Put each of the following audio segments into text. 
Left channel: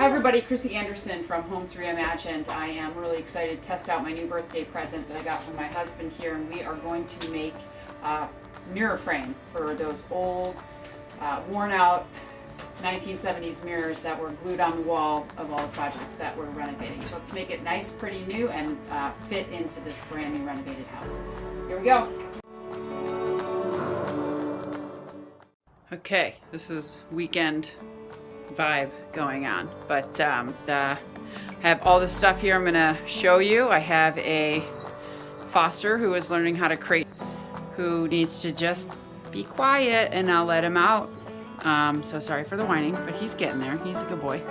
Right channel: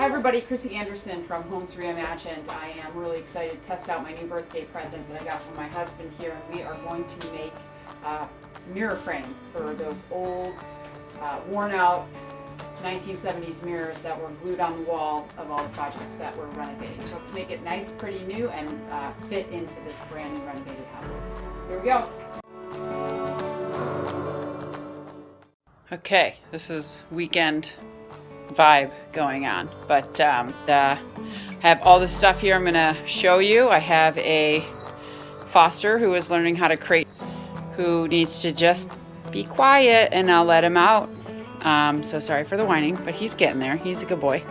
Hi everybody, Chrissy Anderson from Homes Reimagined. I am really excited to test out my new birthday present that I got from my husband here, and we are going to make a mirror frame for those old, worn out 1970s mirrors that were glued on the wall of all the projects that we're renovating. So let's make it nice, pretty new, and fit into this brand new renovated house. Here we go. Okay, this is weekend vibe going on, but I have all this stuff here I'm gonna show you. I have a foster who is learning how to crate, who needs to just be quiet, and I'll let him out. So sorry for the whining, but he's getting there. He's a good boy.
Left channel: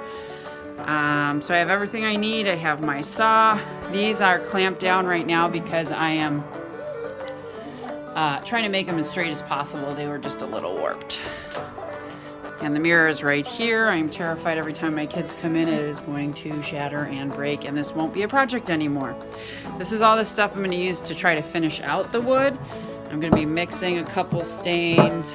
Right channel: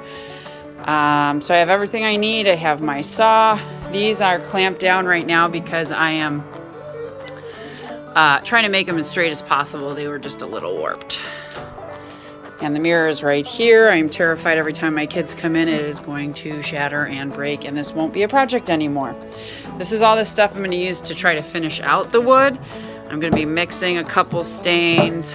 So I have everything I need. I have my saw. These are clamped down right now because I am trying to make them as straight as possible. They were just a little warped. And the mirror is right here. I'm terrified every time my kids come in, it is going to shatter and break, and this won't be a project anymore. This is all the stuff I'm going to use to try to finish out the wood. I'm going to be mixing a couple stains.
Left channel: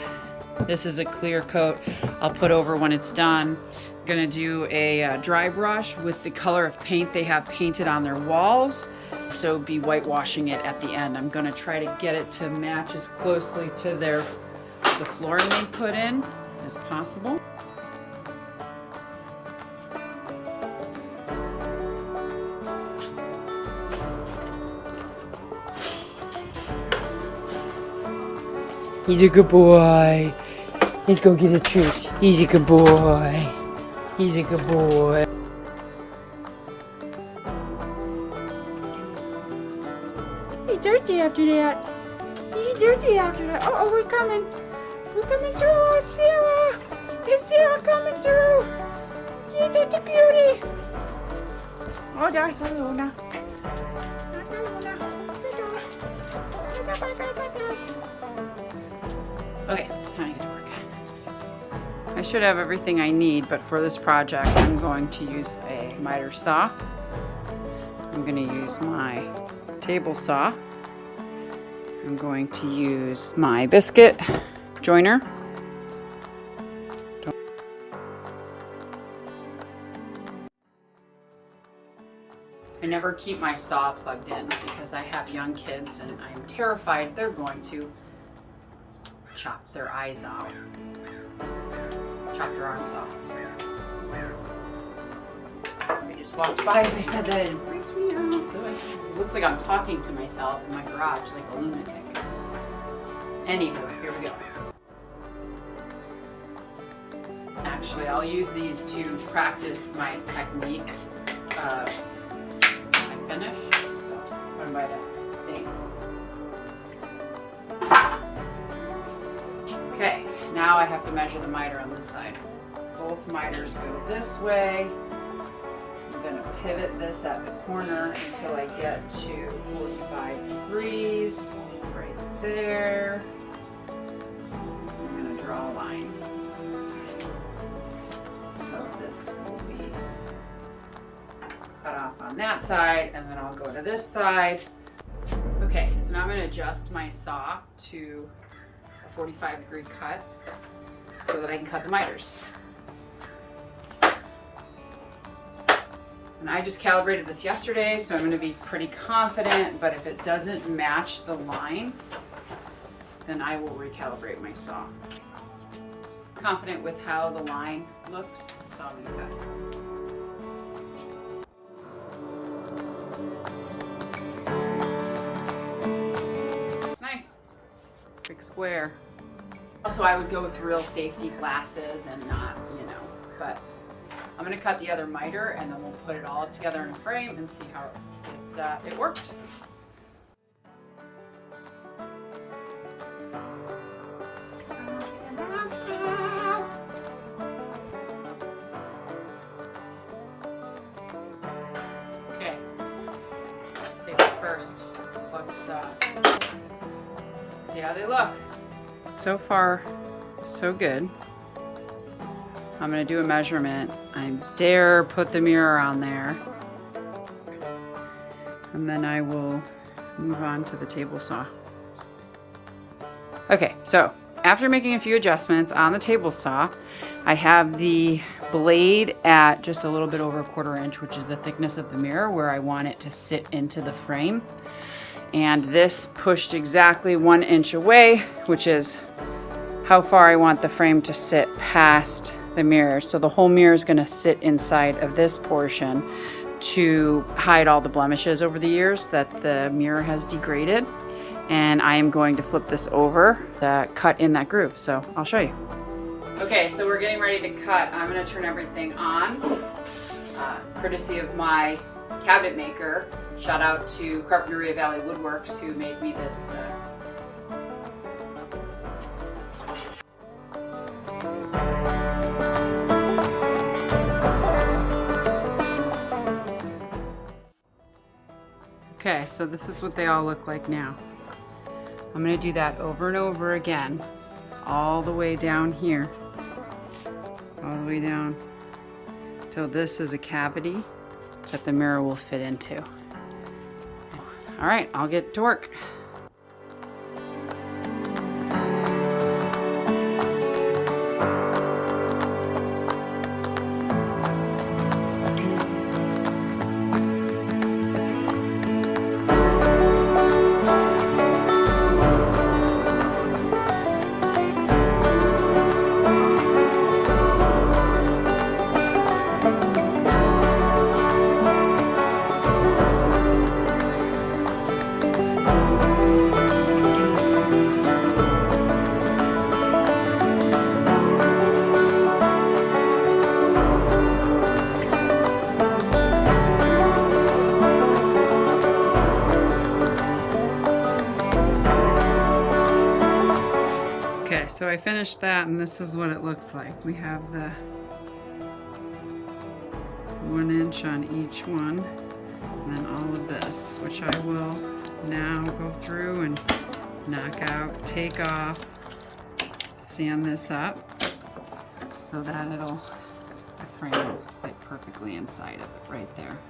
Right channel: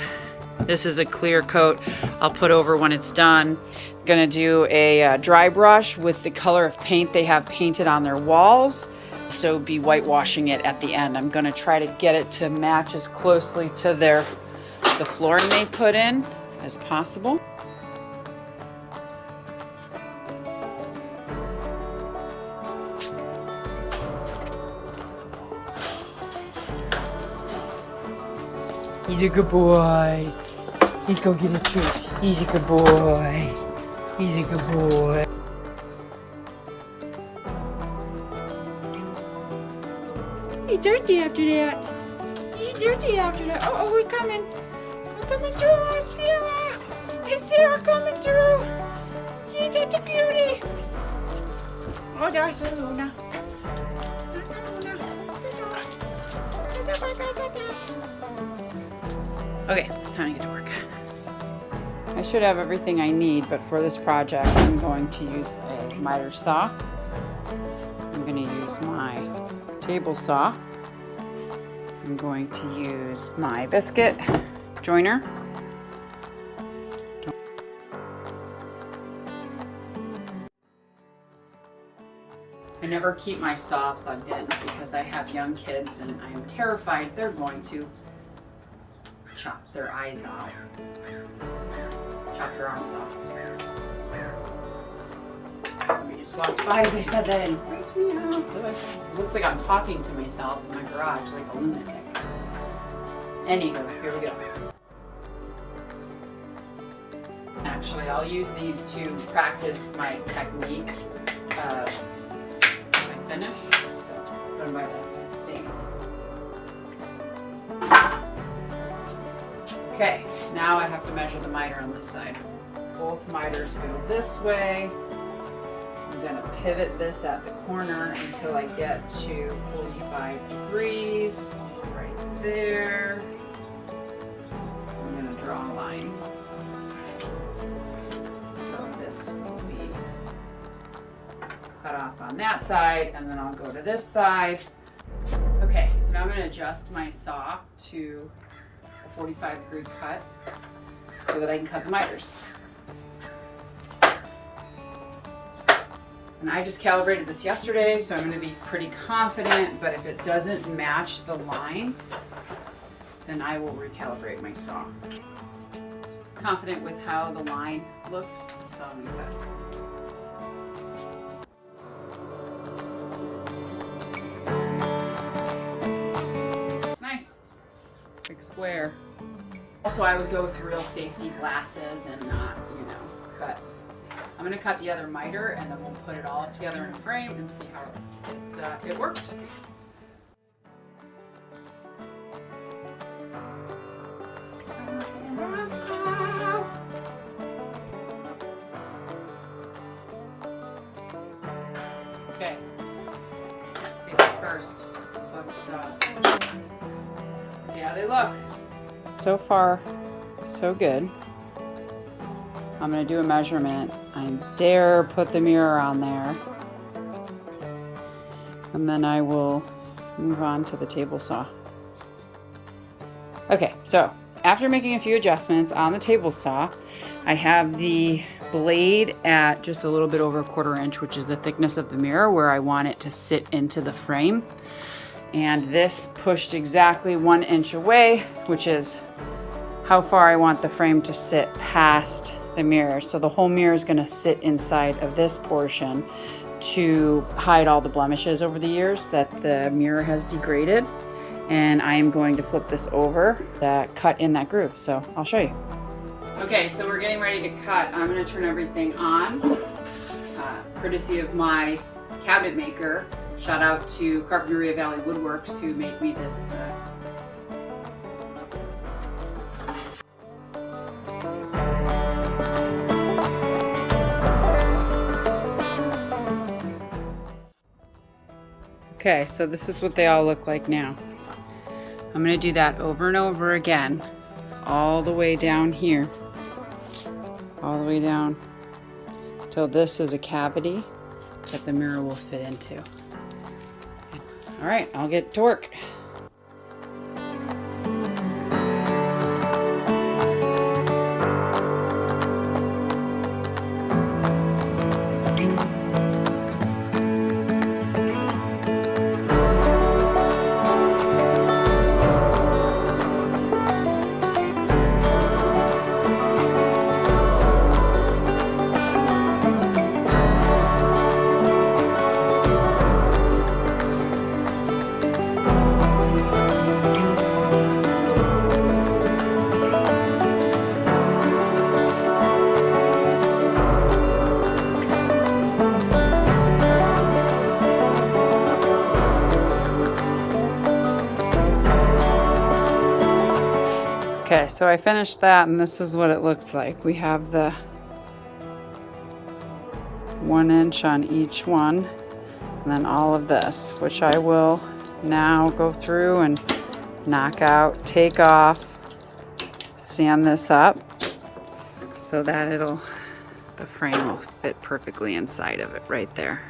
This is a clear coat I'll put over when it's done. I'm going to do a dry brush with the color of paint they have painted on their walls. So be whitewashing it at the end. I'm going to try to get it to match as closely to the flooring they put in as possible. He's a good boy. Let's go get a treat. He's a good boy. He's a good boy. He's dirty after that. He's dirty after that. Oh, we're coming. We're coming through, Sarah. Is Sarah coming through? She's such a cutie. Oh, there's Luna. Okay, time to get to work. I should have everything I need, but for this project, I'm going to use a miter saw. I'm going to use my table saw. I'm going to use my biscuit joiner. I never keep my saw plugged in because I have young kids and I'm terrified they're going to chop their eyes off. Chop their arms off. Somebody just walked by as I said that and it freaked me out. So it looks like I'm talking to myself in my garage like a lunatic. Anywho, here we go. Actually, I'll use these to practice my technique of my finish. So put them by the stand. Okay, now I have to measure the miter on this side. Both miters go this way. I'm going to pivot this at the corner until I get to 45 degrees. Right there. I'm going to draw a line. So this will be cut off on that side, and then I'll go to this side. Okay, so now I'm going to adjust my saw to 45-degree cut so that I can cut the miters. And I just calibrated this yesterday, so I'm going to be pretty confident, but if it doesn't match the line, then I will recalibrate my saw. Confident with how the line looks, so I'm going to cut. Big square. Also, I would go with real safety glasses and not, but I'm going to cut the other miter and then we'll put it all together in a frame and see how it worked. Okay, safety first. Let's see how they look. So far, so good. I'm going to do a measurement. I dare put the mirror on there. And then I will move on to the table saw. Okay, so after making a few adjustments on the table saw, I have the blade at just a little bit over 1/4 inch, which is the thickness of the mirror where I want it to sit into the frame. And this pushed exactly 1 inch away, which is how far I want the frame to sit past the mirror. So the whole mirror is going to sit inside of this portion to hide all the blemishes over the years that the mirror has degraded. And I am going to flip this over to cut in that groove. So I'll show you. Okay, so we're getting ready to cut. I'm going to turn everything on, courtesy of my cabinet maker. Shout out to Carpinteria Valley Woodworks who made me this. Okay, so this is what they all look like now. I'm going to do that over and over again, all the way down here, all the way down till this is a cavity that the mirror will fit into. All right, I'll get to work. Okay, so I finished that and this is what it looks like. We have the 1 inch on each one and then all of this, which I will now go through and knock out, take off, sand this up so that the frame will fit perfectly inside of it right there.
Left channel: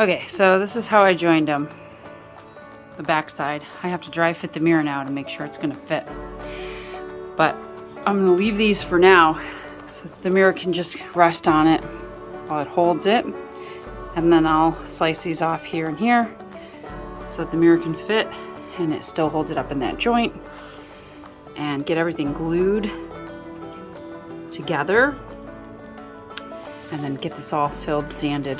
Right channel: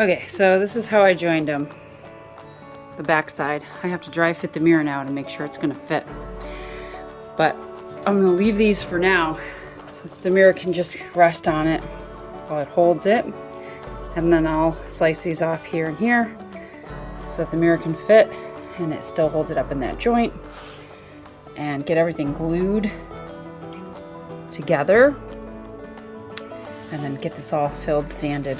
Okay, so this is how I joined them. The back side. I have to dry fit the mirror now to make sure it's gonna fit. But I'm gonna leave these for now so the mirror can just rest on it while it holds it. And then I'll slice these off here and here so that the mirror can fit and it still holds it up in that joint. And get everything glued together. And then get this all filled, sanded.